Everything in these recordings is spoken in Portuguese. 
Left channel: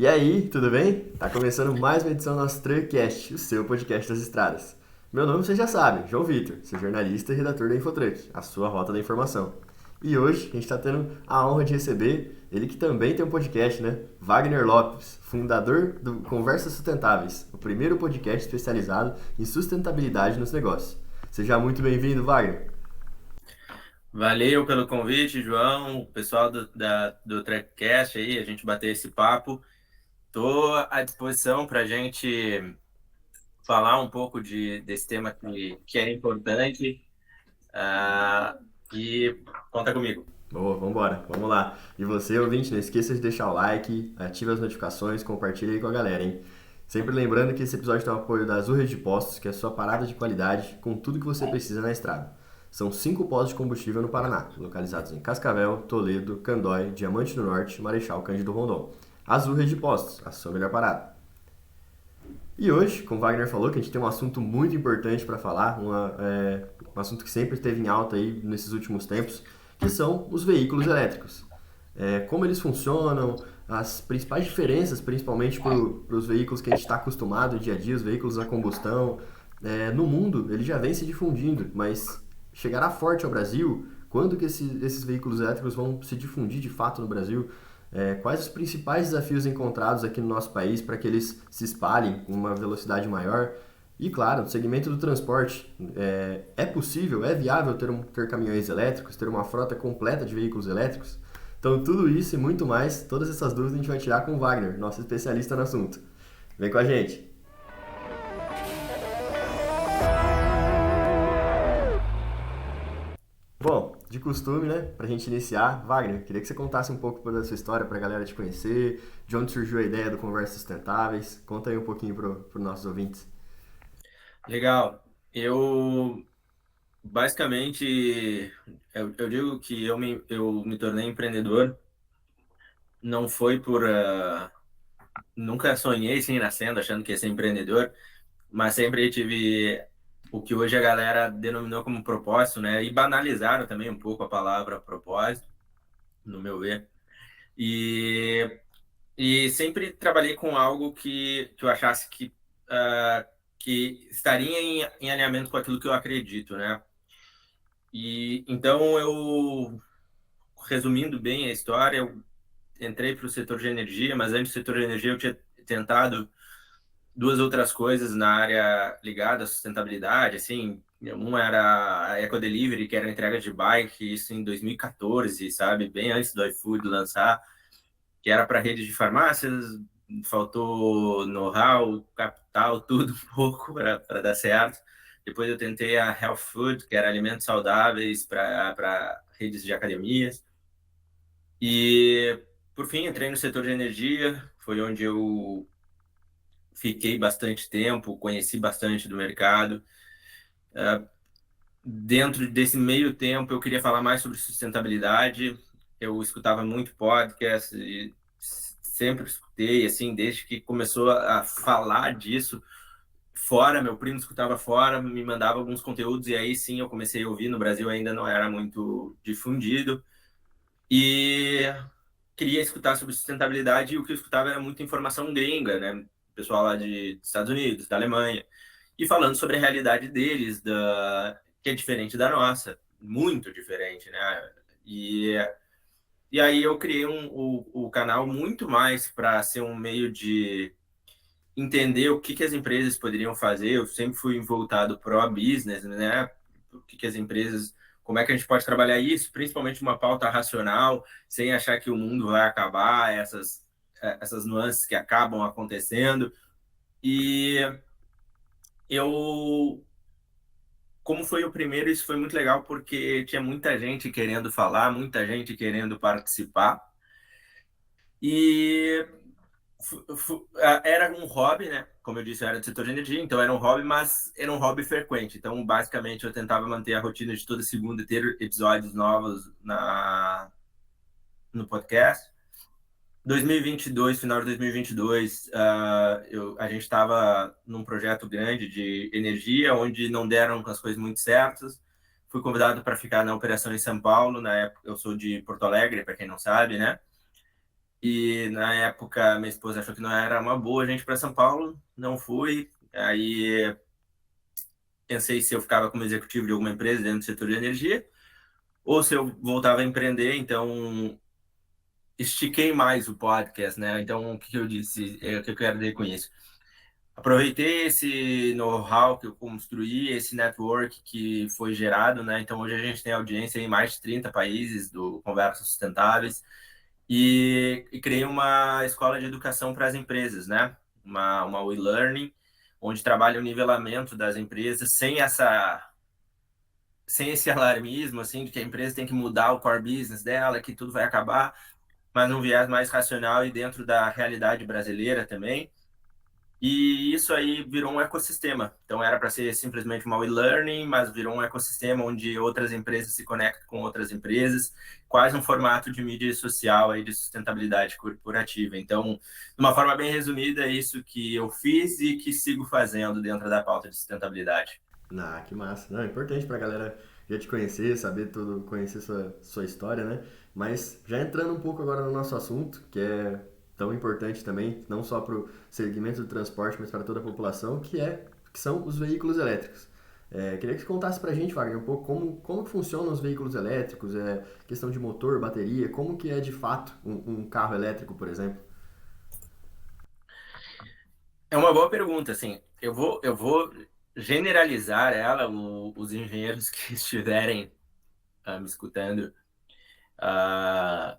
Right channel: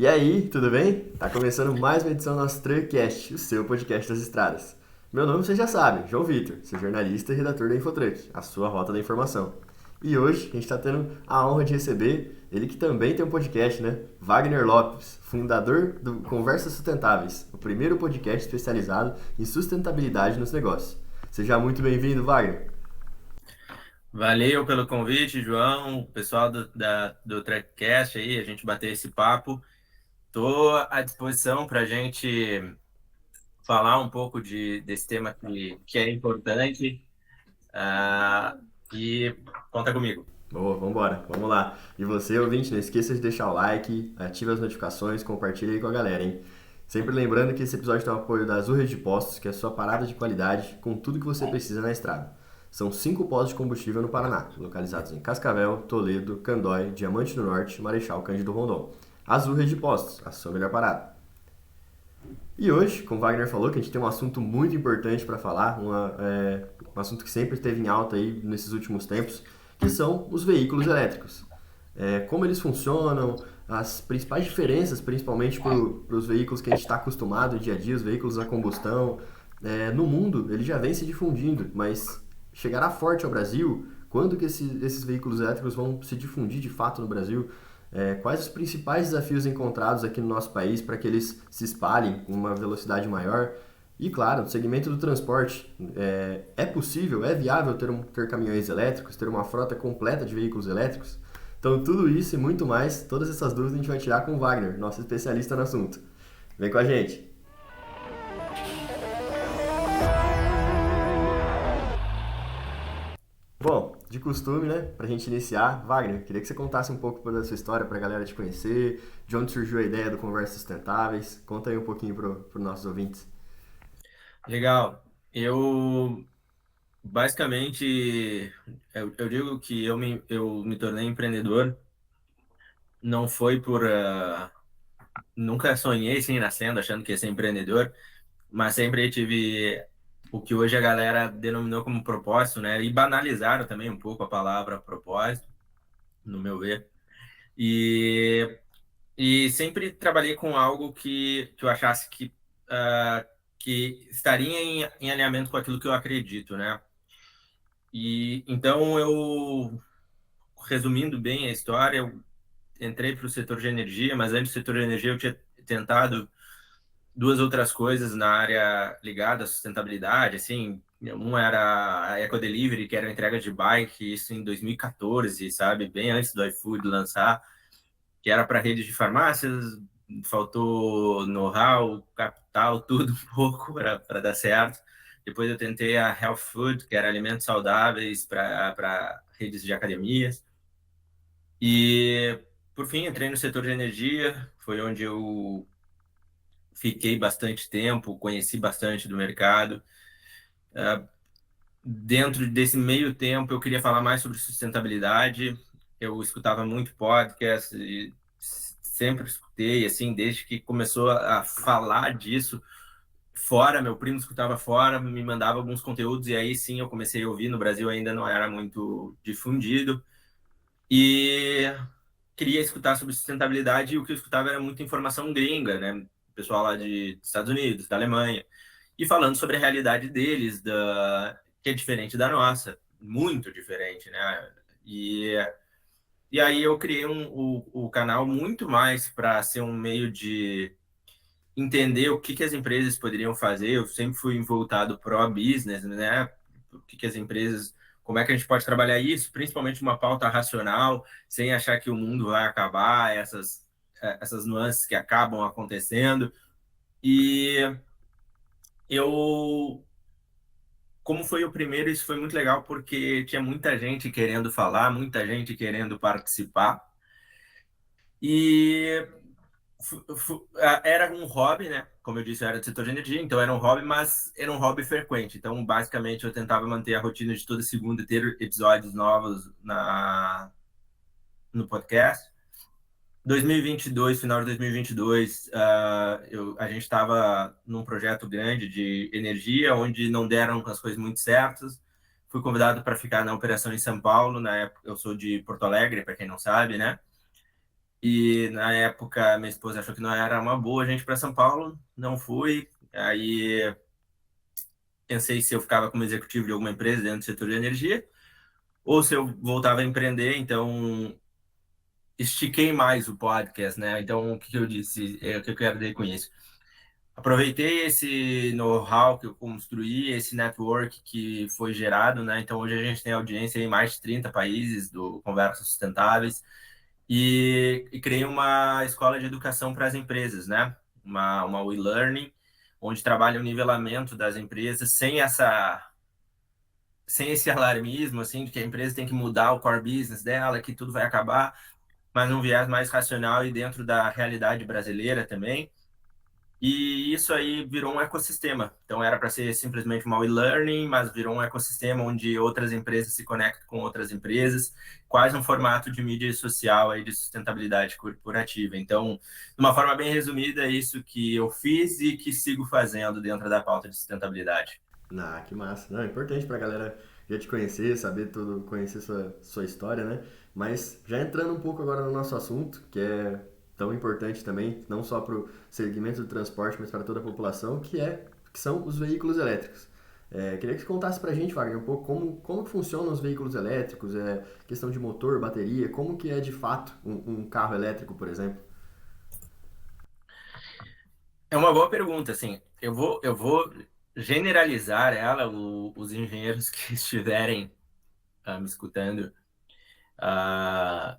E aí, tudo bem? Tá começando mais uma edição do nosso Truckcast, o seu podcast das estradas. Meu nome você já sabe, João Vitor, sou jornalista e redator da Infotruck, a sua rota da informação. E hoje a gente está tendo a honra de receber ele que também tem um podcast, né? Wagner Lopes, fundador do Conversas Sustentáveis, o primeiro podcast especializado em sustentabilidade nos negócios. Seja muito bem-vindo, Wagner. Valeu pelo convite, João, o pessoal do Trackcast aí, a gente bater esse papo. Estou à disposição para a gente falar um pouco desse tema que é importante, ah, e conta comigo. Boa, vambora, vamos lá. E você, ouvinte, não esqueça de deixar o like, ative as notificações, compartilha aí com a galera, hein? Sempre lembrando que esse episódio tem o apoio da Azul Rede de Postos, que é a sua parada de qualidade com tudo que você precisa na estrada. São 5 postos de combustível no Paraná, localizados em Cascavel, Toledo, Candói, Diamante do Norte e Marechal Cândido Rondon. Azul Rede de Postos, a sua melhor parada. E hoje, como o Wagner falou, que a gente tem um assunto muito importante para falar, um assunto que sempre esteve em alta aí nesses últimos tempos, que são os veículos elétricos. Como eles funcionam, as principais diferenças, principalmente para os veículos que a gente está acostumado no dia a dia, os veículos a combustão. No mundo, ele já vem se difundindo, mas chegará forte ao Brasil? Quando que esses veículos elétricos vão se difundir de fato no Brasil? Quais os principais desafios encontrados aqui no nosso país para que eles se espalhem com uma velocidade maior? E claro, no segmento do transporte, é possível, é viável ter caminhões elétricos, ter uma frota completa de veículos elétricos? Então, tudo isso e muito mais, todas essas dúvidas a gente vai tirar com o Wagner, nosso especialista no assunto. Vem com a gente! Bom, de costume, né? Pra gente iniciar, Wagner, queria que você contasse um pouco da sua história pra galera te conhecer, de onde surgiu a ideia do Conversas Sustentáveis. Conta aí um pouquinho pros nossos ouvintes. Legal. Eu, basicamente, eu digo que eu me tornei empreendedor, não foi nunca sonhei assim nascendo achando que ia ser empreendedor, mas sempre tive o que hoje a galera denominou como propósito, né? E banalizaram também um pouco a palavra propósito, no meu ver. E, e sempre trabalhei com algo que eu achasse que estaria em alinhamento com aquilo que eu acredito, né? E então resumindo bem a história, eu entrei para o setor de energia, mas antes do setor de energia eu tinha tentado duas outras coisas na área ligada à sustentabilidade, assim, um era a Eco Delivery, que era a entrega de bike, isso em 2014, sabe, bem antes do iFood lançar, que era para redes de farmácias, faltou know-how, capital, tudo um pouco para dar certo. Depois eu tentei a Health Food, que era alimentos saudáveis para redes de academias. E, por fim, entrei no setor de energia, foi onde eu fiquei bastante tempo, conheci bastante do mercado. Dentro desse meio tempo, eu queria falar mais sobre sustentabilidade. Eu escutava muito podcast e sempre escutei, assim, desde que começou a falar disso fora. Meu primo escutava fora, me mandava alguns conteúdos e aí sim eu comecei a ouvir. No Brasil ainda não era muito difundido e queria escutar sobre sustentabilidade e o que eu escutava era muita informação gringa, né? Pessoal lá de Estados Unidos, da Alemanha, e falando sobre a realidade deles, que é diferente da nossa, muito diferente, né? E, e aí eu criei o canal muito mais para ser um meio de entender o que as empresas poderiam fazer. Eu sempre fui voltado pro business, né? O que as empresas, como é que a gente pode trabalhar isso, principalmente uma pauta racional, sem achar que o mundo vai acabar, essas nuances que acabam acontecendo. E eu, como foi o primeiro, isso foi muito legal porque tinha muita gente querendo falar, muita gente querendo participar. E era um hobby, né? Como eu disse, eu era do setor de energia, então era um hobby, mas era um hobby frequente. Então, basicamente, eu tentava manter a rotina de toda segunda ter episódios novos no podcast. 2022, final de 2022, a gente estava num projeto grande de energia, onde não deram as coisas muito certas. Fui convidado para ficar na operação em São Paulo. Na época, eu sou de Porto Alegre, para quem não sabe, né? E na época, minha esposa achou que não era uma boa a gente para São Paulo, não fui. Aí pensei se eu ficava como executivo de alguma empresa dentro do setor de energia ou se eu voltava a empreender. Então, estiquei mais o podcast, né? Então, o que eu disse? O que eu quero dizer com isso? Aproveitei esse know-how que eu construí, esse network que foi gerado, né? Então, hoje a gente tem audiência em mais de 30 países do Conversas Sustentáveis e criei uma escola de educação para as empresas, né? Uma e-learning, onde trabalha o nivelamento das empresas sem esse alarmismo, assim, de que a empresa tem que mudar o core business dela, que tudo vai acabar, mas num viés mais racional e dentro da realidade brasileira também. E isso aí virou um ecossistema. Então era para ser simplesmente uma e-learning, mas virou um ecossistema onde outras empresas se conectam com outras empresas, quase um formato de mídia social aí de sustentabilidade corporativa. Então, de uma forma bem resumida, é isso que eu fiz e que sigo fazendo dentro da pauta de sustentabilidade. Ah, que massa. Não, é importante pra galera já te conhecer, saber tudo, conhecer sua história, né? Mas já entrando um pouco agora no nosso assunto, que é tão importante também, não só para o segmento do transporte, mas para toda a população, que são os veículos elétricos. Queria que você contasse pra gente, Wagner, um pouco como que funcionam os veículos elétricos, questão de motor, bateria, como que é de fato um carro elétrico, por exemplo. É uma boa pergunta, assim. Eu vou generalizar ela, os engenheiros que estiverem me escutando. ah,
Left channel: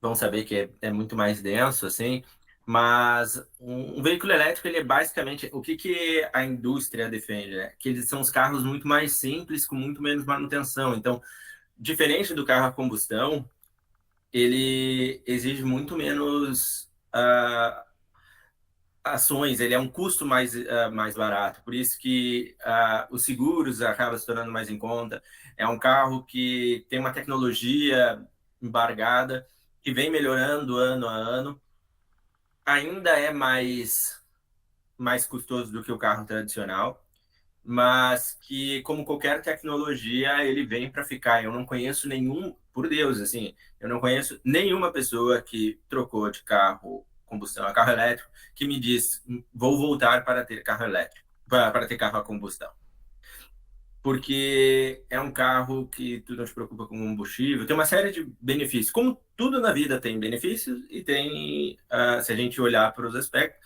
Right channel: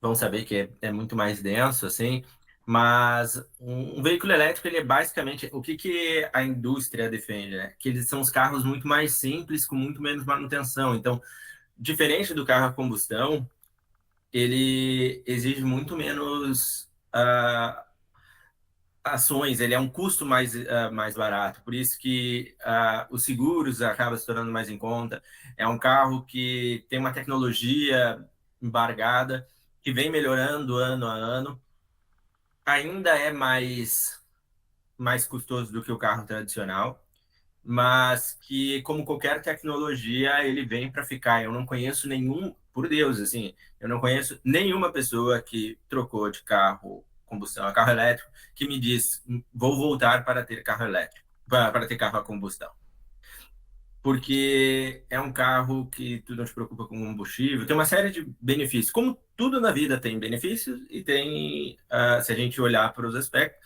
Vão saber que é muito mais denso, assim, mas um veículo elétrico, ele é basicamente, o que que a indústria defende, né? Que eles são os carros muito mais simples, com muito menos manutenção. Então, diferente do carro a combustão, ele exige muito menos ações, ele é um custo mais barato, por isso que os seguros acabam se tornando mais em conta. É um carro que tem uma tecnologia embargada, que vem melhorando ano a ano, ainda é mais custoso do que o carro tradicional, mas que, como qualquer tecnologia, ele vem para ficar. Eu não conheço nenhum, por Deus, assim, eu não conheço nenhuma pessoa que trocou de carro combustão a carro elétrico que me diz, vou voltar para ter carro elétrico, para ter carro a combustão. Porque é um carro que tu não se preocupa com combustível, tem uma série de benefícios. Como tudo na vida tem benefícios e tem, se a gente olhar para os aspectos,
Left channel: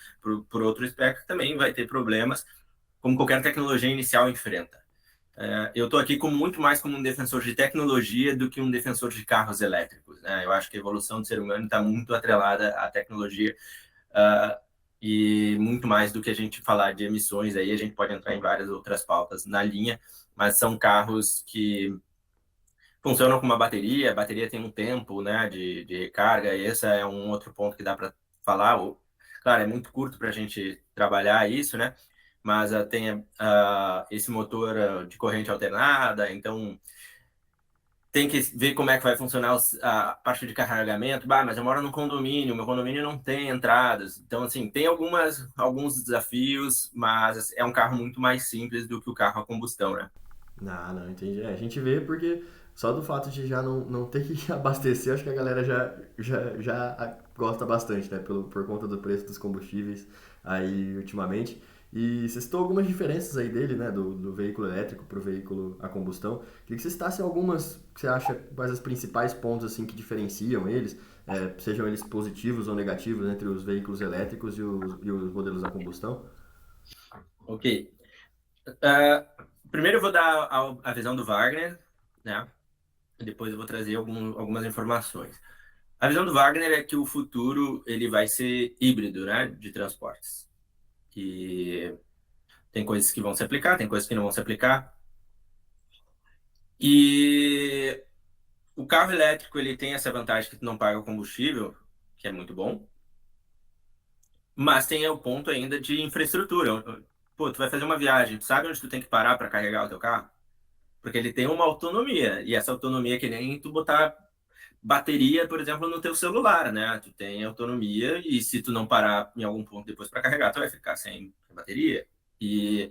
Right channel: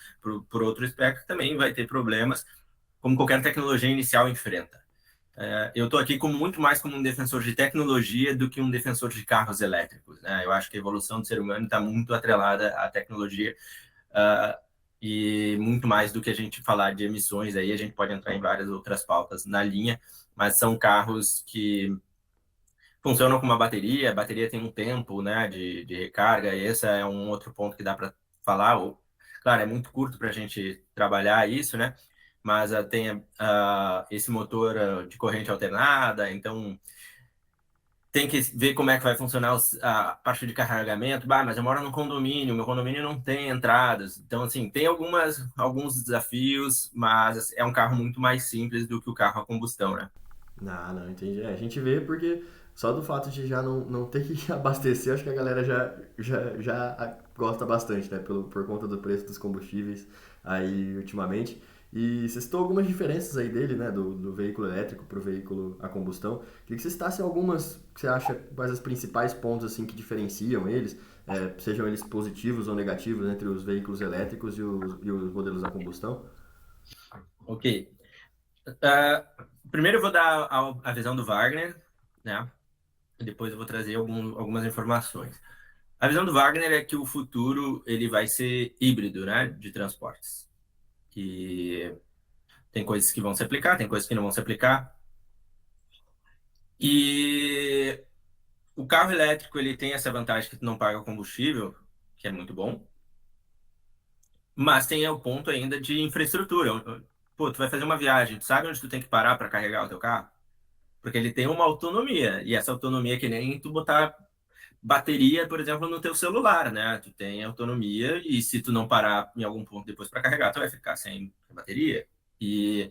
por outro aspecto, também vai ter problemas, como qualquer tecnologia inicial enfrenta. Eu estou aqui muito mais como um defensor de tecnologia do que um defensor de carros elétricos, né? Eu acho que a evolução do ser humano está muito atrelada à tecnologia, uh, e muito mais do que a gente falar de emissões. Aí a gente pode entrar em várias outras pautas na linha, mas são carros que funcionam com uma bateria. A bateria tem um tempo, né, de recarga, e esse é um outro ponto que dá para falar. Claro, é muito curto para a gente trabalhar isso, né? Mas tem esse motor de corrente alternada, então tem que ver como é que vai funcionar a parte de carregamento. Bah, mas eu moro num condomínio, meu condomínio não tem entradas. Então, assim, tem alguns desafios, mas é um carro muito mais simples do que o carro a combustão, né? Não, não, entendi. A gente vê porque só do fato de já não ter que abastecer, acho que a galera já gosta bastante, né? Por conta do preço dos combustíveis aí ultimamente. E você citou algumas diferenças aí dele, né? Do veículo elétrico para o veículo a combustão. Queria que você citasse algumas que você acha quais os principais pontos assim que diferenciam eles, sejam eles positivos ou negativos entre os veículos elétricos e os modelos a combustão. Ok. Uh, Primeiro eu vou dar a visão do Wagner, né? E depois eu vou trazer algumas informações. A visão do Wagner é que o futuro ele vai ser híbrido, né? De transportes. Que tem coisas que vão se aplicar, tem coisas que não vão se aplicar. E o carro elétrico ele tem essa vantagem que tu não paga combustível, que é muito bom, mas tem o ponto ainda de infraestrutura. Pô, tu vai fazer uma viagem, tu sabe onde tu tem que parar para carregar o teu carro? Porque ele tem uma autonomia, e essa autonomia é que nem tu botar bateria, por exemplo, no teu celular, né? Tu tem autonomia e se tu não parar em algum ponto depois para carregar, tu vai ficar sem bateria. E,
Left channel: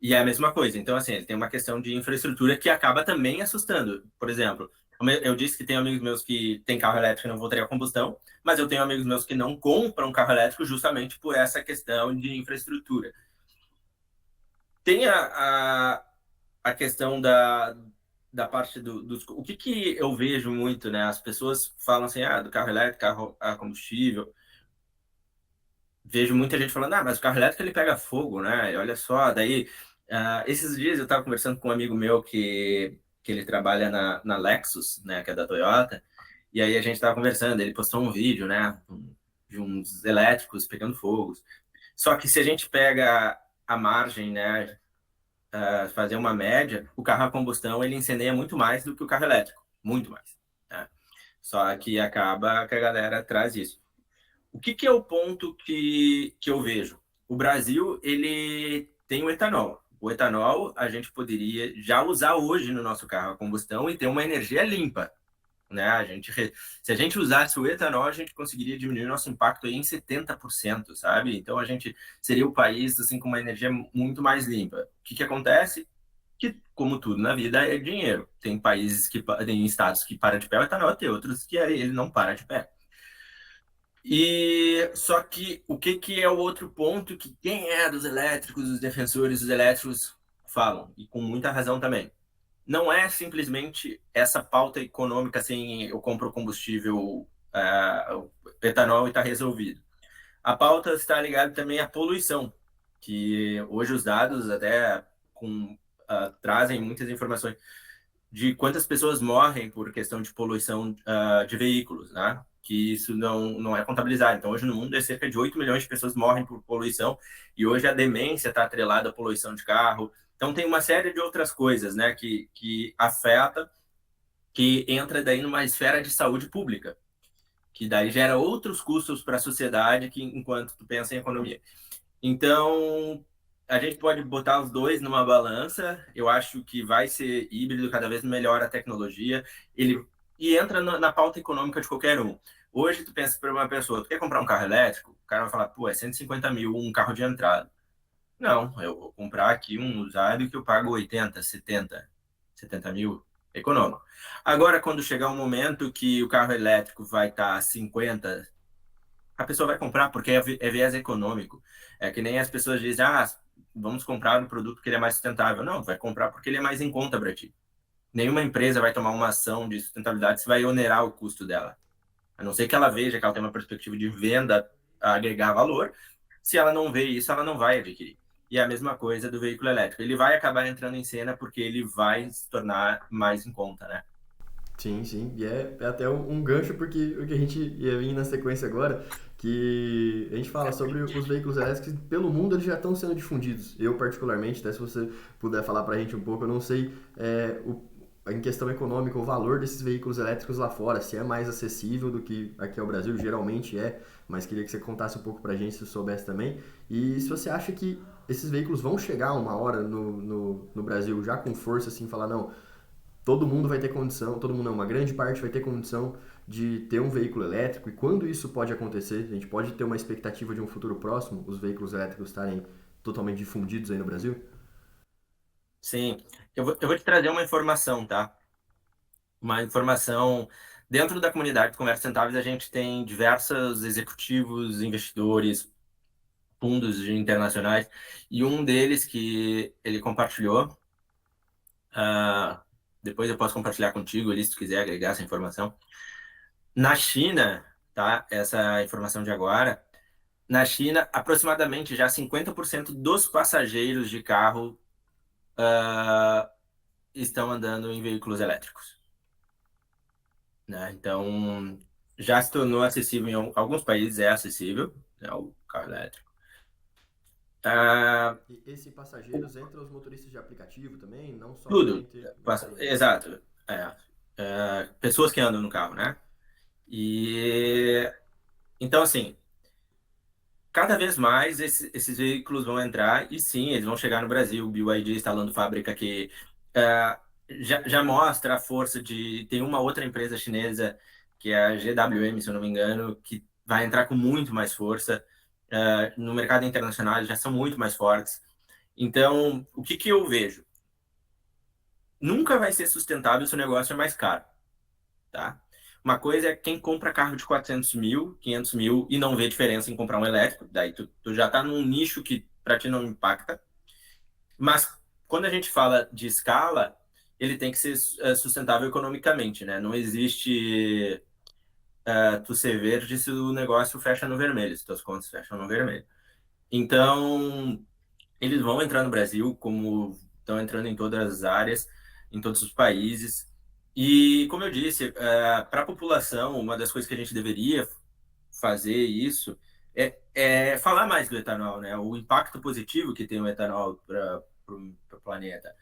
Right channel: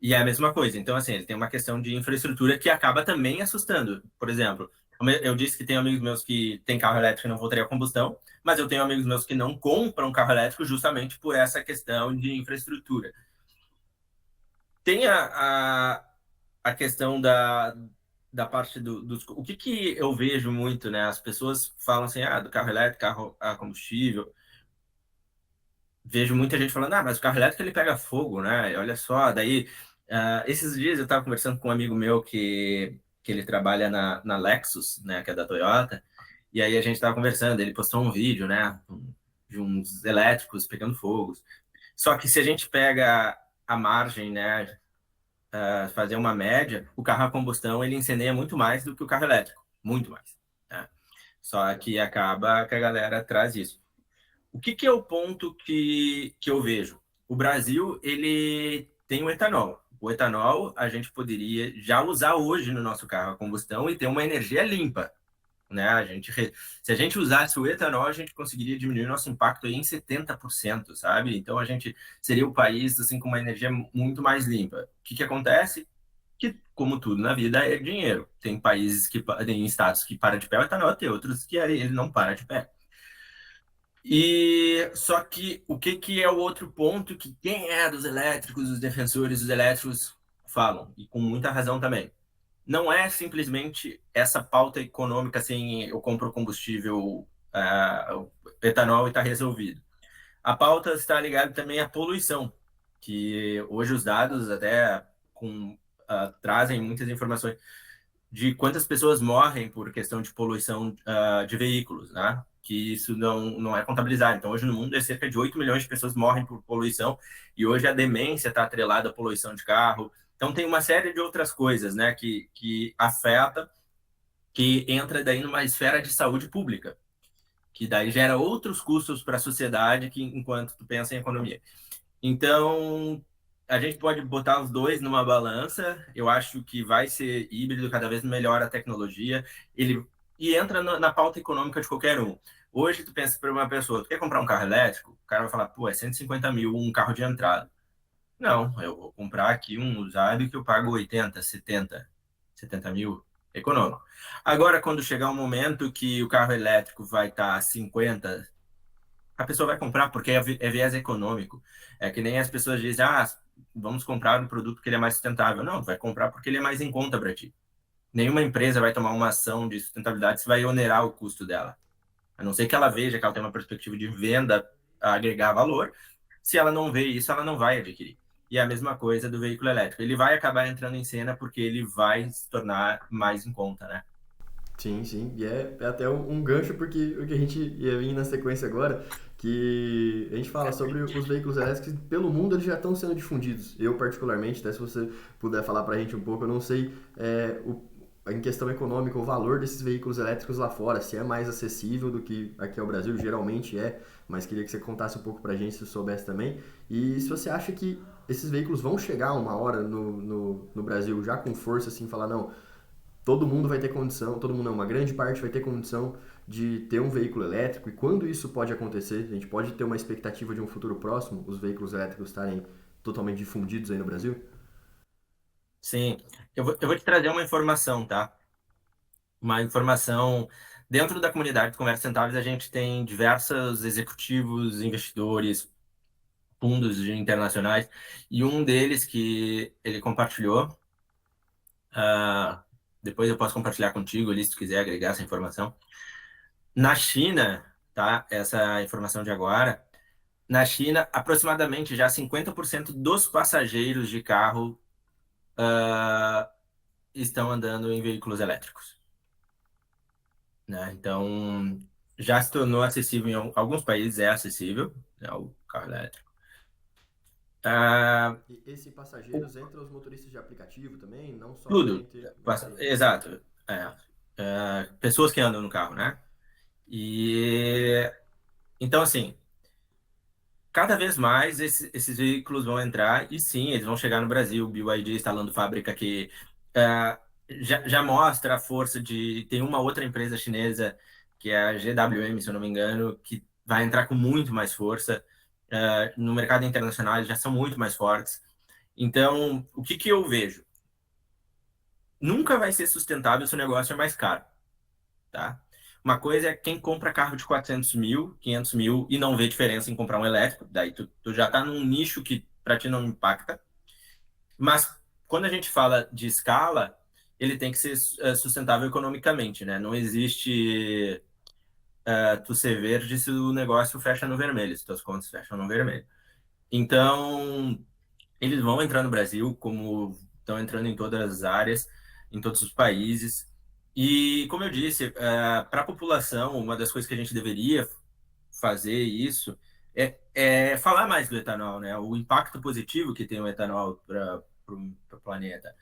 e é a mesma coisa. Então, assim, ele tem uma questão de infraestrutura que acaba também assustando. Por exemplo, Eu disse que tenho amigos meus que têm carro elétrico e não voltaria a combustão, mas eu tenho amigos meus que não compram carro elétrico justamente por essa questão de infraestrutura. Tem a questão da parte dos... O que eu vejo muito, né? As pessoas falam assim, do carro elétrico, carro a combustível. Vejo muita gente falando, mas o carro elétrico ele pega fogo, né? E olha só, daí... esses dias eu estava conversando com um amigo meu que ele trabalha na Lexus, né? Que é da Toyota. E aí a gente estava conversando, ele postou um vídeo, né? De uns elétricos pegando fogo. Só que se a gente pega a margem, né? Fazer uma média, o carro a combustão ele incendeia muito mais do que o carro elétrico, muito mais. Né? Só que acaba que a galera traz isso. O que é o ponto que eu vejo? O Brasil ele tem o etanol. O etanol a gente poderia já usar hoje no nosso carro a combustão e ter uma energia limpa. Né? Se a gente usasse o etanol, a gente conseguiria diminuir nosso impacto aí em 70%, sabe? Então a gente seria o país assim com uma energia muito mais limpa. O que acontece? Que, como tudo na vida, é dinheiro. Tem países tem estados que para de pé o etanol, tem outros que ele não para de pé. E só que o que é o outro ponto que quem é dos elétricos, os defensores dos elétricos falam, e com muita razão também, não é simplesmente essa pauta econômica assim, eu compro combustível, etanol e está resolvido. A pauta está ligada também à poluição, que hoje os dados até trazem muitas informações de quantas pessoas morrem por questão de poluição de veículos, né? Que isso não é contabilizado. Então, hoje no mundo, cerca de 8 milhões de pessoas morrem por poluição, e hoje a demência está atrelada à poluição de carro. Então, tem uma série de outras coisas, né, que afeta, que entra daí numa esfera de saúde pública, que daí gera outros custos para a sociedade que enquanto tu pensa em economia. Então, a gente pode botar os dois numa balança. Eu acho que vai ser híbrido, cada vez melhor a tecnologia. E entra na pauta econômica de qualquer um. Hoje, tu pensa para uma pessoa, tu quer comprar um carro elétrico? O cara vai falar, pô, é 150 mil um carro de entrada. Não, eu vou comprar aqui um usado que eu pago 80, 70 mil econômico. Agora, quando chegar um momento que o carro elétrico vai estar 50, a pessoa vai comprar porque é viés econômico. É que nem as pessoas dizem, vamos comprar um produto que ele é mais sustentável. Não, vai comprar porque ele é mais em conta para ti. Nenhuma empresa vai tomar uma ação de sustentabilidade se vai onerar o custo dela. A não ser que ela veja que ela tem uma perspectiva de venda a agregar valor. Se ela não vê isso, ela não vai adquirir. E é a mesma coisa do veículo elétrico. Ele vai acabar entrando em cena porque ele vai se tornar mais em conta, né? Sim, sim. E é até um gancho porque o que a gente ia vir na sequência agora, que a gente fala sobre os veículos elétricos que pelo mundo eles já estão sendo difundidos. Eu particularmente, até se você puder falar pra gente um pouco, eu não sei em questão econômica o valor desses veículos elétricos lá fora, se é mais acessível do que aqui ao Brasil, geralmente é, mas queria que você contasse um pouco pra gente se você soubesse também. E se você acha que esses veículos vão chegar uma hora no Brasil já com força, assim, falar, não, todo mundo vai ter condição, todo mundo não, uma grande parte vai ter condição de ter um veículo elétrico. E quando isso pode acontecer, a gente pode ter uma expectativa de um futuro próximo, os veículos elétricos estarem totalmente difundidos aí no Brasil? Sim. Eu vou te trazer uma informação, tá? Uma informação. Dentro da comunidade de Conversas Rentáveis, a gente tem diversos executivos, investidores, fundos internacionais, e um deles que ele compartilhou, ah, depois eu posso compartilhar contigo ali, se tu quiser agregar essa informação. Na China, tá? Essa informação de agora, na China, aproximadamente já 50% dos passageiros de carro estão andando em veículos elétricos, né? Então, já se tornou acessível em alguns países, é acessível, né, o carro elétrico. Ah, E esse passageiros entra os motoristas de aplicativo também, não tudo, somente... Entendi. exato. Pessoas que andam no carro, né? E então, assim, cada vez mais esses veículos vão entrar e sim, eles vão chegar no Brasil. O BYD instalando fábrica que já mostra a força de. Tem uma outra empresa chinesa, que é a GWM, se eu não me engano, que vai entrar com muito mais força. No mercado internacional, eles já são muito mais fortes. Então, o que eu vejo? Nunca vai ser sustentável se o negócio é mais caro. tá? Uma coisa é quem compra carro de 400 mil, 500 mil e não vê diferença em comprar um elétrico, daí tu já tá num nicho que para ti não impacta. Mas quando a gente fala de escala, ele tem que ser sustentável economicamente, né? Não existe tu ser verde se o negócio fecha no vermelho, se tuas contas fecham no vermelho. Então, eles vão entrar no Brasil, como estão entrando em todas as áreas, em todos os países. E, como eu disse, para a população, uma das coisas que a gente deveria fazer isso é falar mais do etanol, né? O impacto positivo que tem o etanol para o planeta.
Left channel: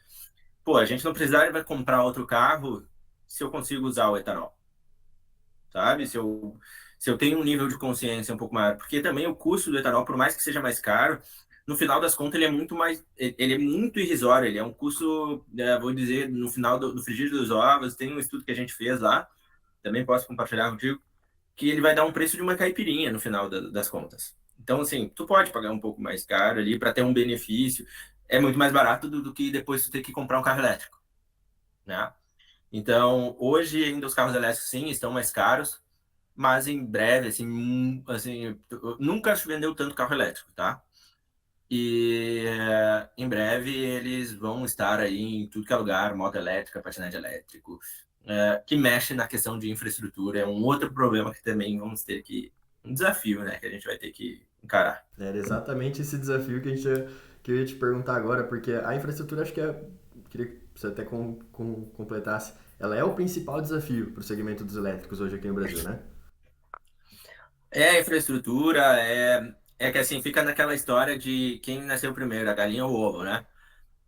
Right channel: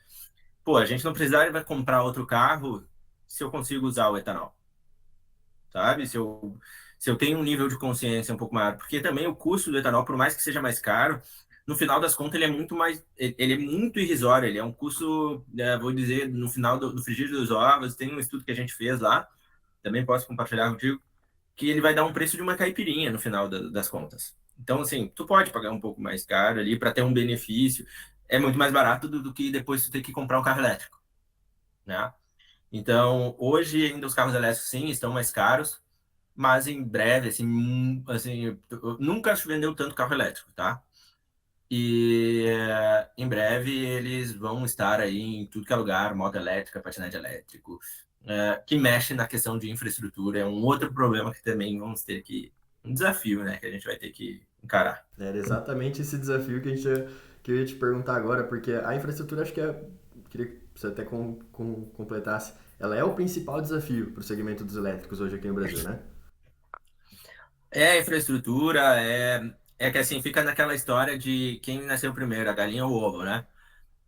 Pô, a gente não precisaria comprar outro carro se eu consigo usar o etanol, sabe? Se eu tenho um nível de consciência um pouco maior, porque também o custo do etanol, por mais que seja mais caro, no final das contas ele é muito mais, ele é muito irrisório, ele é um custo, vou dizer, no final do frigir dos ovos, tem um estudo que a gente fez lá, também posso compartilhar contigo, que ele vai dar um preço de uma caipirinha no final das contas. Então, assim, tu pode pagar um pouco mais caro ali para ter um benefício, é muito mais barato do que depois tu ter que comprar um carro elétrico, né? Então, hoje ainda os carros elétricos sim estão mais caros, mas em breve, assim, nunca se vendeu tanto carro elétrico, tá? E em breve eles vão estar aí em tudo que é lugar, moto elétrica, patinete elétrico, que mexe na questão de infraestrutura. É um outro problema que também vamos ter um desafio, né, que a gente vai ter que encarar. Era exatamente esse desafio que eu ia te perguntar agora, porque a infraestrutura acho que queria que você até completasse, ela é o principal desafio para o segmento dos elétricos hoje aqui no Brasil, né? É a infraestrutura, é que assim, fica naquela história de quem nasceu primeiro, a galinha ou o ovo, né?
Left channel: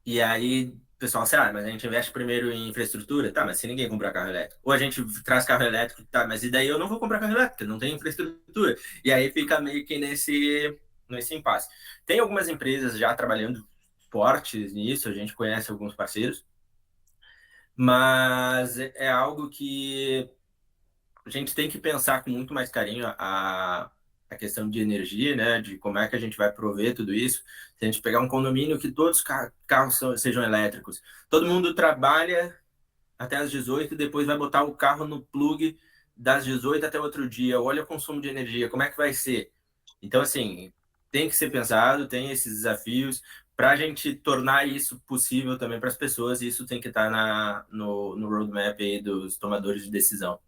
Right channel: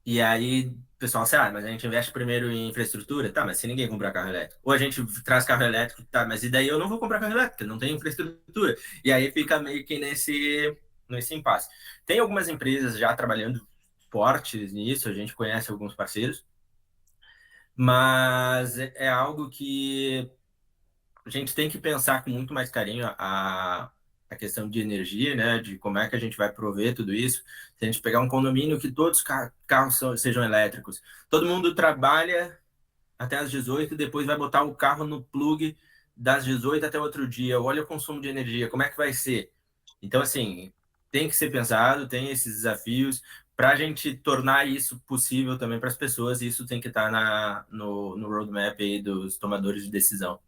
E aí, o pessoal, assim, mas a gente investe primeiro em infraestrutura, tá, mas se ninguém comprar carro elétrico. Ou a gente traz carro elétrico, tá, mas e daí eu não vou comprar carro elétrico, não tem infraestrutura. E aí fica meio que nesse impasse. Tem algumas empresas já trabalhando fortes nisso, a gente conhece alguns parceiros, mas é algo que a gente tem que pensar com muito mais carinho a questão de energia, né? De como é que a gente vai prover tudo isso. Se a gente pegar um condomínio que todos os carros sejam elétricos, todo mundo trabalha até as 18 e depois vai botar o carro no plug das 18 até outro dia. Olha o consumo de energia, como é que vai ser? Então, assim, tem que ser pensado, tem esses desafios. Para a gente tornar isso possível também para as pessoas, isso tem que estar no roadmap aí dos tomadores de decisão.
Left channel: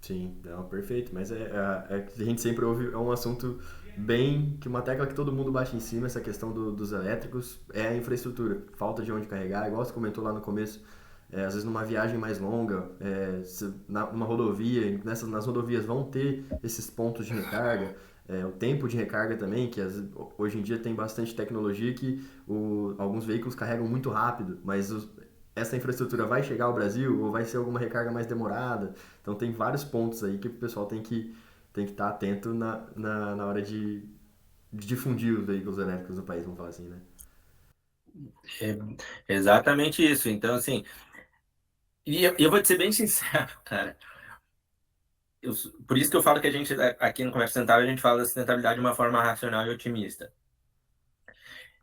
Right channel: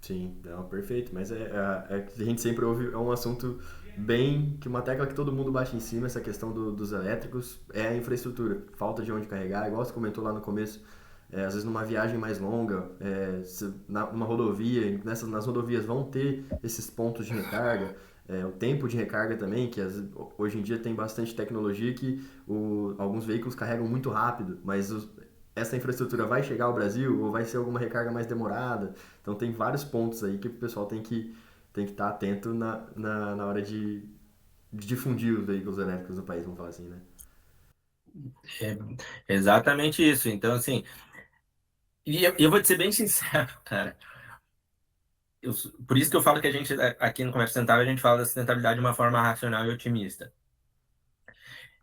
Sim, não, perfeito. Mas que a gente sempre ouve, é um assunto bem, que uma tecla que todo mundo bate em cima, essa questão dos elétricos, é a infraestrutura. Falta de onde carregar, igual você comentou lá no começo, às vezes numa viagem mais longa, numa rodovia, nas rodovias vão ter esses pontos de recarga, o tempo de recarga também, que hoje em dia tem bastante tecnologia que alguns veículos carregam muito rápido, mas essa infraestrutura vai chegar ao Brasil ou vai ser alguma recarga mais demorada? Então tem vários pontos aí que o pessoal tem que estar atento na hora de difundir os veículos elétricos no país, vamos falar assim, né? É exatamente isso. Então, assim, e eu vou te ser bem sincero, cara. Por isso que eu falo que a gente, aqui no Conversa Sustentável, a gente fala da sustentabilidade de uma forma racional e otimista.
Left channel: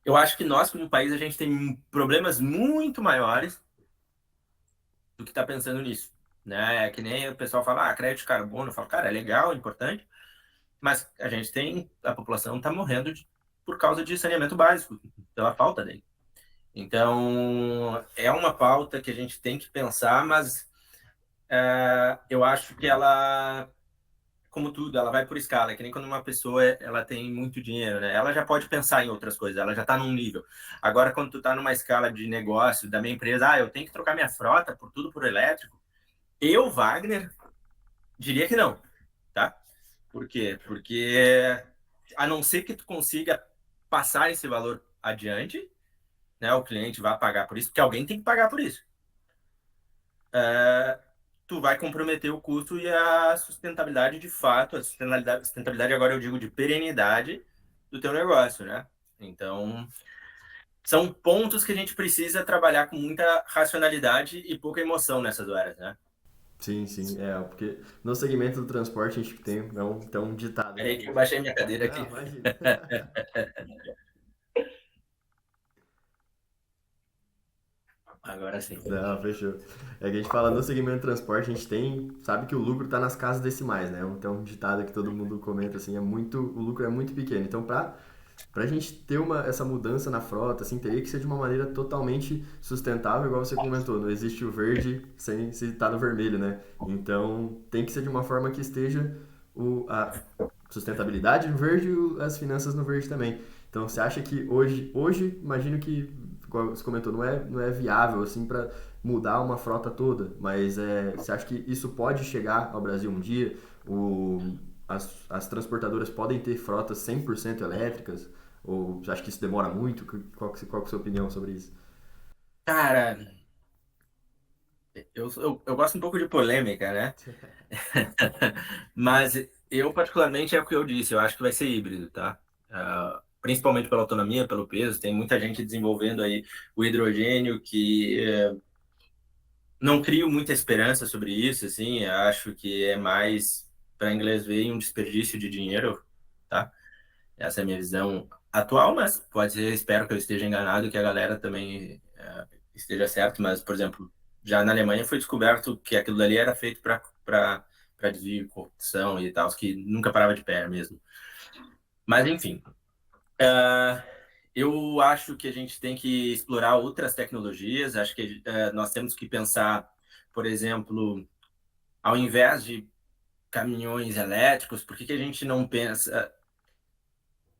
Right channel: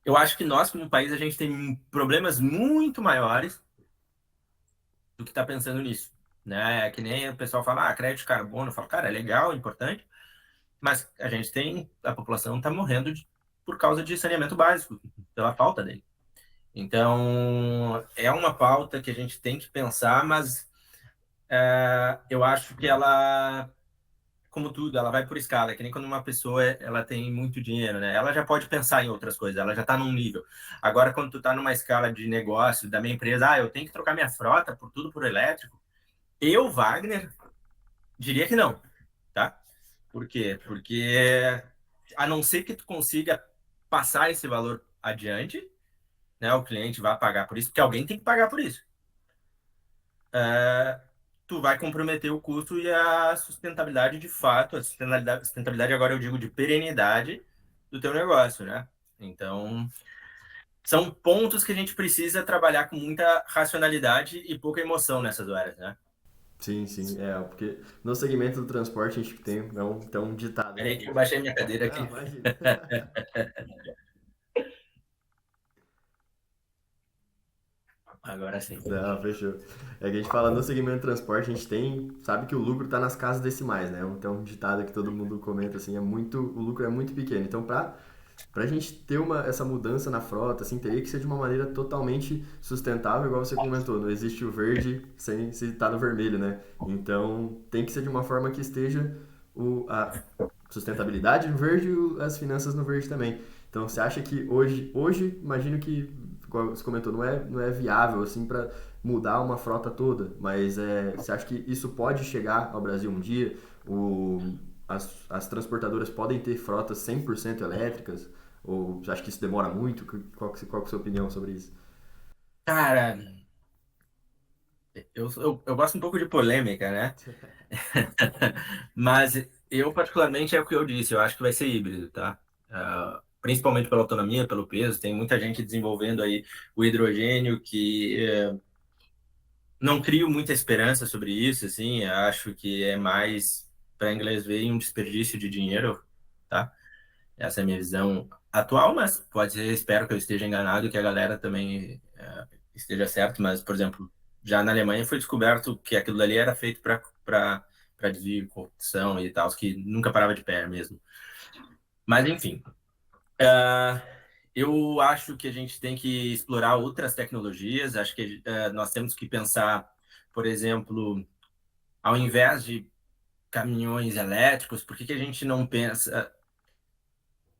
Eu acho que nós, como país, a gente tem problemas muito maiores do que está pensando nisso. Né? É que nem o pessoal fala, crédito de carbono. Eu falo, cara, é legal, é importante, mas a população está morrendo por causa de saneamento básico, pela falta dele. Então, é uma pauta que a gente tem que pensar, mas eu acho que ela, como tudo, ela vai por escala. É que nem quando uma pessoa ela tem muito dinheiro, né? Ela já pode pensar em outras coisas, ela já está num nível. Agora, quando tu está numa escala de negócio da minha empresa, eu tenho que trocar minha frota por tudo por elétrico. Eu, Wagner, diria que não, tá? Por quê? Porque a não ser que tu consiga passar esse valor adiante, né? O cliente vai pagar por isso, porque alguém tem que pagar por isso. Tu vai comprometer o custo e a sustentabilidade de fato, a sustentabilidade agora eu digo de perenidade do teu negócio, né? Então, são pontos que a gente precisa trabalhar com muita racionalidade e pouca emoção nessas horas, né? Sim, sim, porque no segmento do transporte a gente tem um ditado Peraí que que eu baixei minha cadeira não, aqui. imagina. Agora sim. Não, fechou. É que a gente fala no segmento de transporte, a gente sabe que o lucro está nas casas decimais, né? Então, um ditado que todo mundo comenta assim, o lucro é muito pequeno. Então, para a gente ter essa mudança na frota, assim, teria que ser de uma maneira totalmente sustentável, igual você comentou. Não existe o verde sem se estar no vermelho, né? Então, tem que ser de uma forma que esteja a sustentabilidade no verde e as finanças no verde também. Então, você acha que hoje imagino que, como você comentou, não é viável assim para mudar uma frota toda, mas você acha que isso pode chegar ao Brasil um dia? As transportadoras podem ter frotas 100% elétricas? Ou você acha que isso demora muito? Qual que é a sua opinião sobre isso? Cara, eu gosto um pouco de polêmica, né? Mas eu, particularmente, é o que eu disse, eu acho que vai ser híbrido, tá? Principalmente pela autonomia, pelo peso. Tem muita gente desenvolvendo aí o hidrogênio que não crio muita esperança sobre isso, assim. Acho que é mais, para inglês ver, um desperdício de dinheiro, tá? Essa é a minha visão atual, mas pode ser, espero que eu esteja enganado, que a galera também esteja certo. Mas, por exemplo, já na Alemanha foi descoberto que aquilo dali era feito para desvio, corrupção e tal, que nunca parava de pé mesmo. Mas, enfim, eu acho que a gente tem que explorar outras tecnologias. Acho que nós temos que pensar, por exemplo, ao invés de caminhões elétricos, por que que a gente não pensa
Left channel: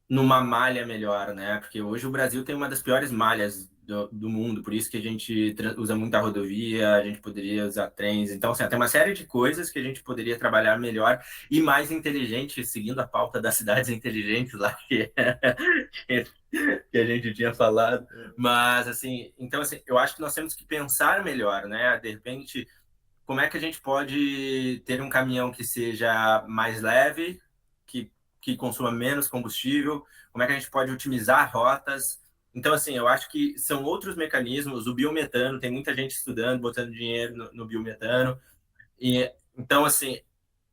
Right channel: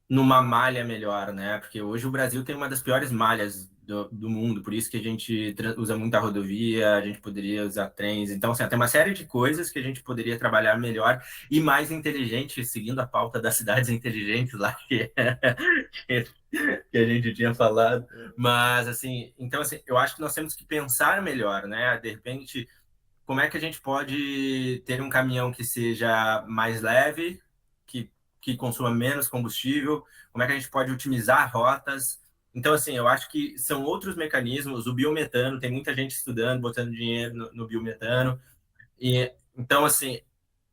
numa malha melhor, né? Porque hoje o Brasil tem uma das piores malhas do mundo, por isso que a gente usa muita rodovia, a gente poderia usar trens. Então, assim, tem uma série de coisas que a gente poderia trabalhar melhor e mais inteligente, seguindo a pauta das cidades inteligentes lá que a gente tinha falado. Mas, assim, então, assim, eu acho que nós temos que pensar melhor, né? De repente, como é que a gente pode ter um caminhão que seja mais leve, que consuma menos combustível? Como é que a gente pode otimizar rotas? Então, assim, eu acho que são outros mecanismos. O biometano, tem muita gente estudando, botando dinheiro no biometano. E, então, assim,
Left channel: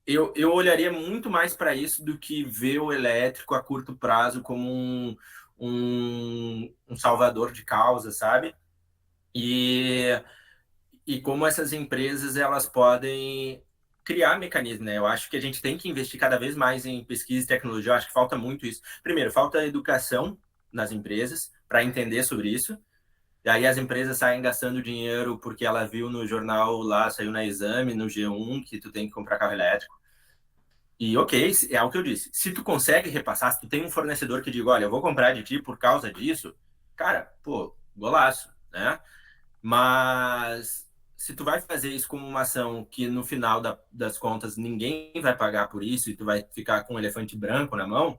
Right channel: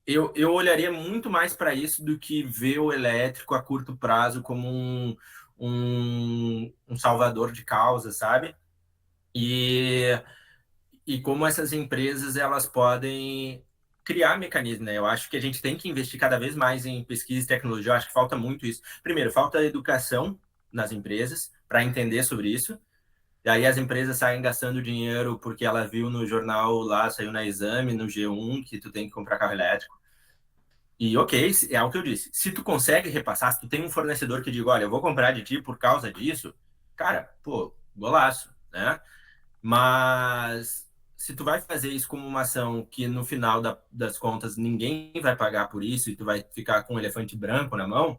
eu olharia muito mais para isso do que ver o elétrico a curto prazo como um salvador de causa, sabe? E como essas empresas elas podem criar mecanismos, né? Eu acho que a gente tem que investir cada vez mais em pesquisa e tecnologia. Eu acho que falta muito isso. Primeiro, falta educação nas empresas para entender sobre isso. E aí as empresas saem gastando dinheiro porque ela viu no jornal lá, saiu na Exame, no G1, que tu tem que comprar carro elétrico. E ok, é o que eu disse. Se tu consegue repassar, se tu tem um fornecedor que diga, olha, eu vou comprar de ti por causa disso, cara, pô, golaço, né? Mas se tu vai fazer isso como uma ação que no final das contas ninguém vai pagar por isso e tu vai ficar com um elefante branco na mão,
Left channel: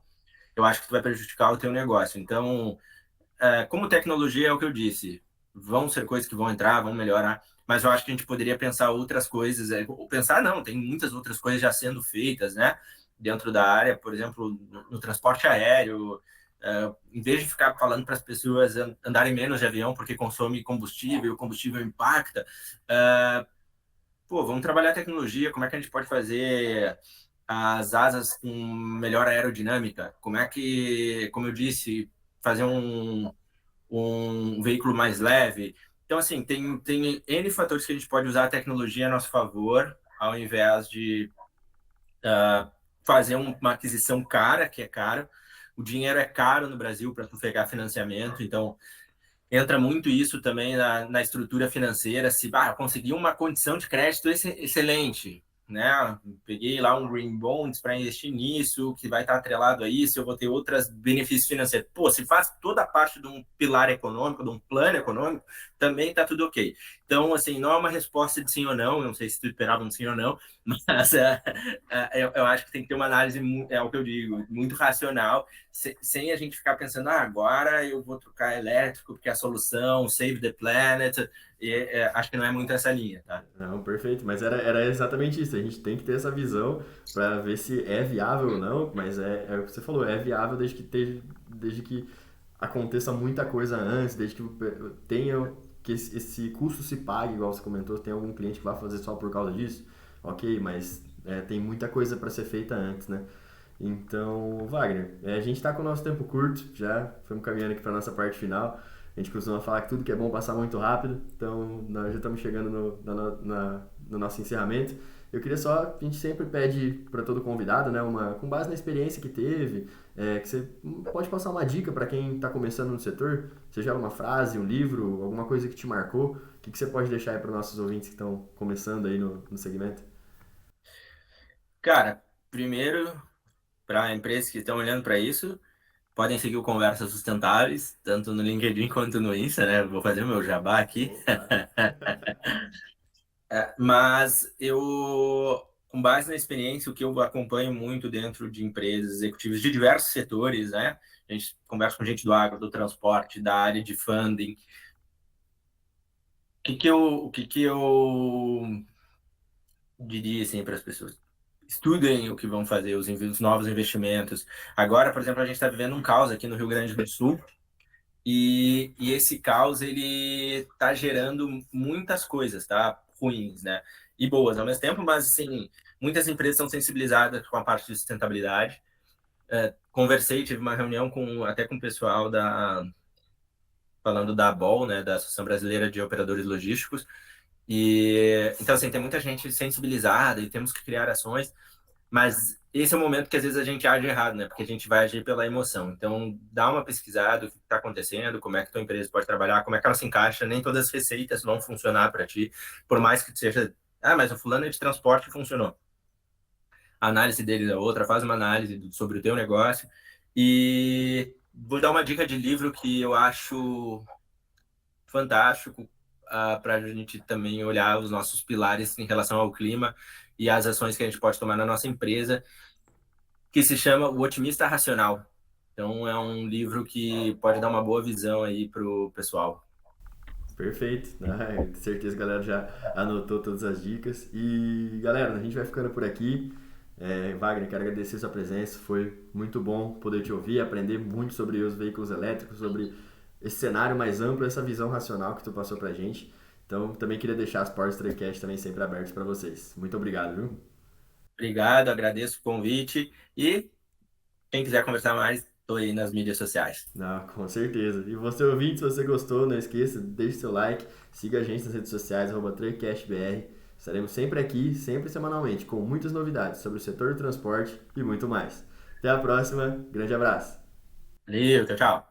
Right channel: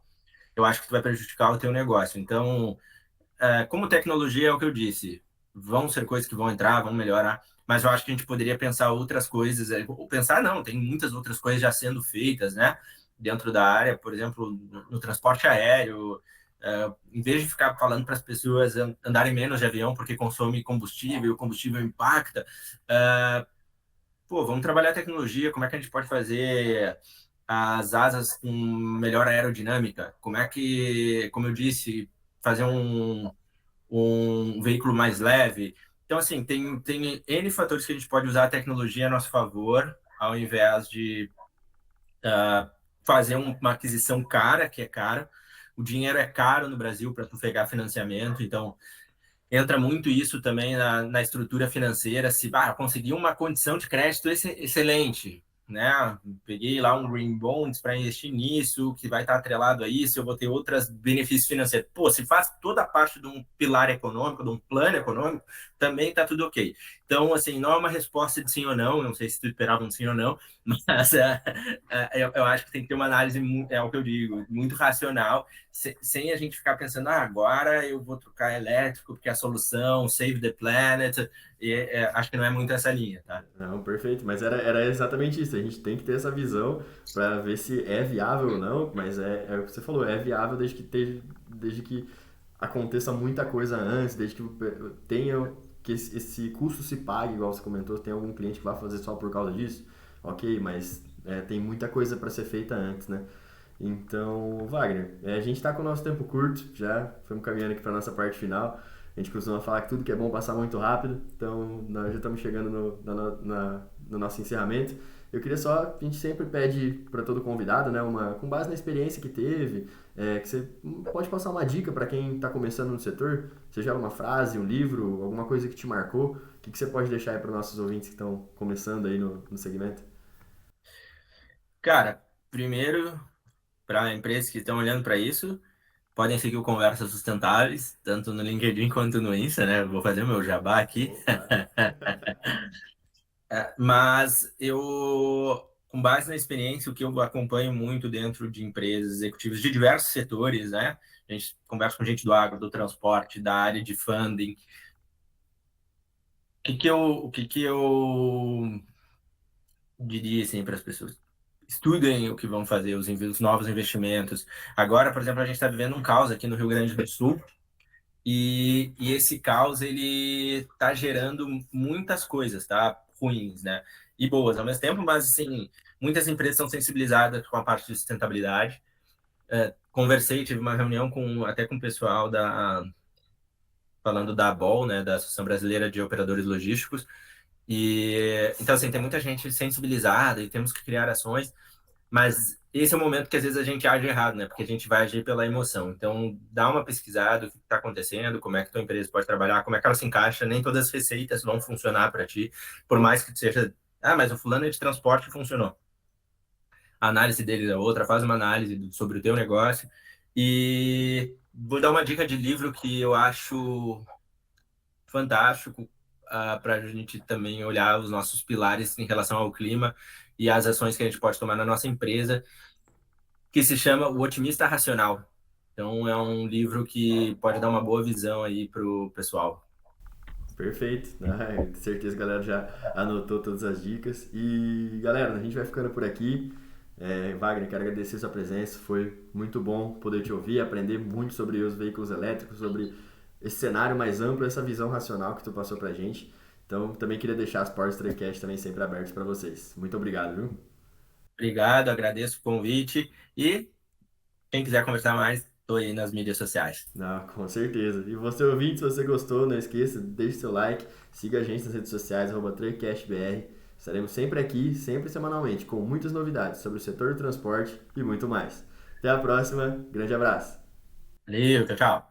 eu acho que tu vai prejudicar o teu negócio. Então, como tecnologia é o que eu disse, vão ser coisas que vão entrar, vão melhorar, mas eu acho que a gente poderia pensar outras coisas, ou pensar não, tem muitas outras coisas já sendo feitas, né? Dentro da área, por exemplo, no transporte aéreo, em vez de ficar falando para as pessoas andarem menos de avião porque consome combustível, o combustível impacta, pô, vamos trabalhar a tecnologia, como é que a gente pode fazer as asas com melhor aerodinâmica? Como é que, como eu disse, fazer um veículo mais leve? Então, assim, tem N fatores que a gente pode usar a tecnologia a nosso favor, ao invés de fazer uma aquisição cara, que é caro. O dinheiro é caro no Brasil para tu pegar financiamento, então entra muito isso também na estrutura financeira. Se conseguir uma condição de crédito excelente, né? Peguei lá um Green Bonds para investir nisso, que vai estar atrelado a isso, eu vou ter outros benefícios financeiros. Pô, se faz toda a parte de um pilar econômico, de um plano econômico, também está tudo ok. Então, assim, não é uma resposta de sim ou não sei se tu esperava um sim ou não, mas eu acho que tem que ter uma análise, é o que eu digo, muito racional, sem a gente ficar pensando, agora eu vou trocar elétrico porque é a solução, save the planet, acho que não é muito essa linha, tá? Não, perfeito, mas era exatamente isso. A gente tem que ter essa visão para ver se é viável ou não, mas é o que você falou, é viável desde que aconteça muita coisa antes, desde que tenha que esse custo se pague, igual você comentou, tem algum cliente que vai fazer só por causa disso, ok, mas tem muita coisa para ser feita antes, né? Então, Wagner, a gente está com o nosso tempo curto, já estamos caminhando aqui para nossa parte final. A gente costuma falar que tudo que é bom passa muito rápido, então nós já estamos chegando no nosso encerramento. Eu queria só, a gente sempre pede para todo convidado, né, com base na experiência que teve, que você pode passar uma dica para quem está começando no setor, seja uma frase, um livro, alguma coisa que te marcou, o que você pode deixar aí para nossos ouvintes que estão começando aí no segmento? Cara, primeiro, para empresas que estão olhando para isso, podem seguir o Conversas Sustentáveis, tanto no LinkedIn quanto no Insta, né? Vou fazer o meu jabá aqui. Opa! Mas eu, com base na experiência, o que eu acompanho muito dentro de empresas executivas de diversos setores, né? A gente conversa com gente do agro, do transporte, da área de funding. O que que eu diria assim para as pessoas? Estudem o que vão fazer, os novos investimentos. Agora, por exemplo, a gente está vivendo um caos aqui no Rio Grande do Sul. E esse caos ele está gerando muitas coisas, tá? Ruins, né? E boas ao mesmo tempo, mas assim, muitas empresas são sensibilizadas com a parte de sustentabilidade. Conversei, tive uma reunião até com o pessoal falando da ABOL, né, da Associação Brasileira de Operadores Logísticos. E então assim, tem muita gente sensibilizada e temos que criar ações. Mas esse é o momento que às vezes a gente age errado, né? Porque a gente vai agir pela emoção. Então, dá uma pesquisada, o que está acontecendo, como é que tua empresa pode trabalhar, como é que ela se encaixa. Nem todas as receitas vão funcionar para ti, por mais que seja, mas o fulano é de transporte funcionou. A análise dele é outra, faz uma análise sobre o teu negócio. E vou dar uma dica de livro que eu acho fantástico para a gente também olhar os nossos pilares em relação ao clima e as ações que a gente pode tomar na nossa empresa que se chama O Otimista Racional. Então é um livro que pode dar uma boa visão aí pro pessoal. Perfeito, né? Com certeza a galera já anotou todas as dicas. E galera, a gente vai ficando por aqui. Wagner, quero agradecer sua presença. Foi muito bom poder te ouvir, aprender muito sobre os veículos elétricos, sobre esse cenário mais amplo, essa visão racional que tu passou pra gente. Então, também queria deixar as portas do Traycast também sempre abertas para vocês. Muito obrigado, viu? Obrigado, agradeço o convite e quem quiser conversar mais, estou aí nas mídias sociais. Não, com certeza. E você ouvinte, se você gostou, não esqueça, deixe seu like, siga a gente nas redes sociais, @TraycastBR. Estaremos sempre aqui, sempre semanalmente, com muitas novidades sobre o setor do transporte e muito mais. Até a próxima, grande abraço! Valeu, tchau, tchau.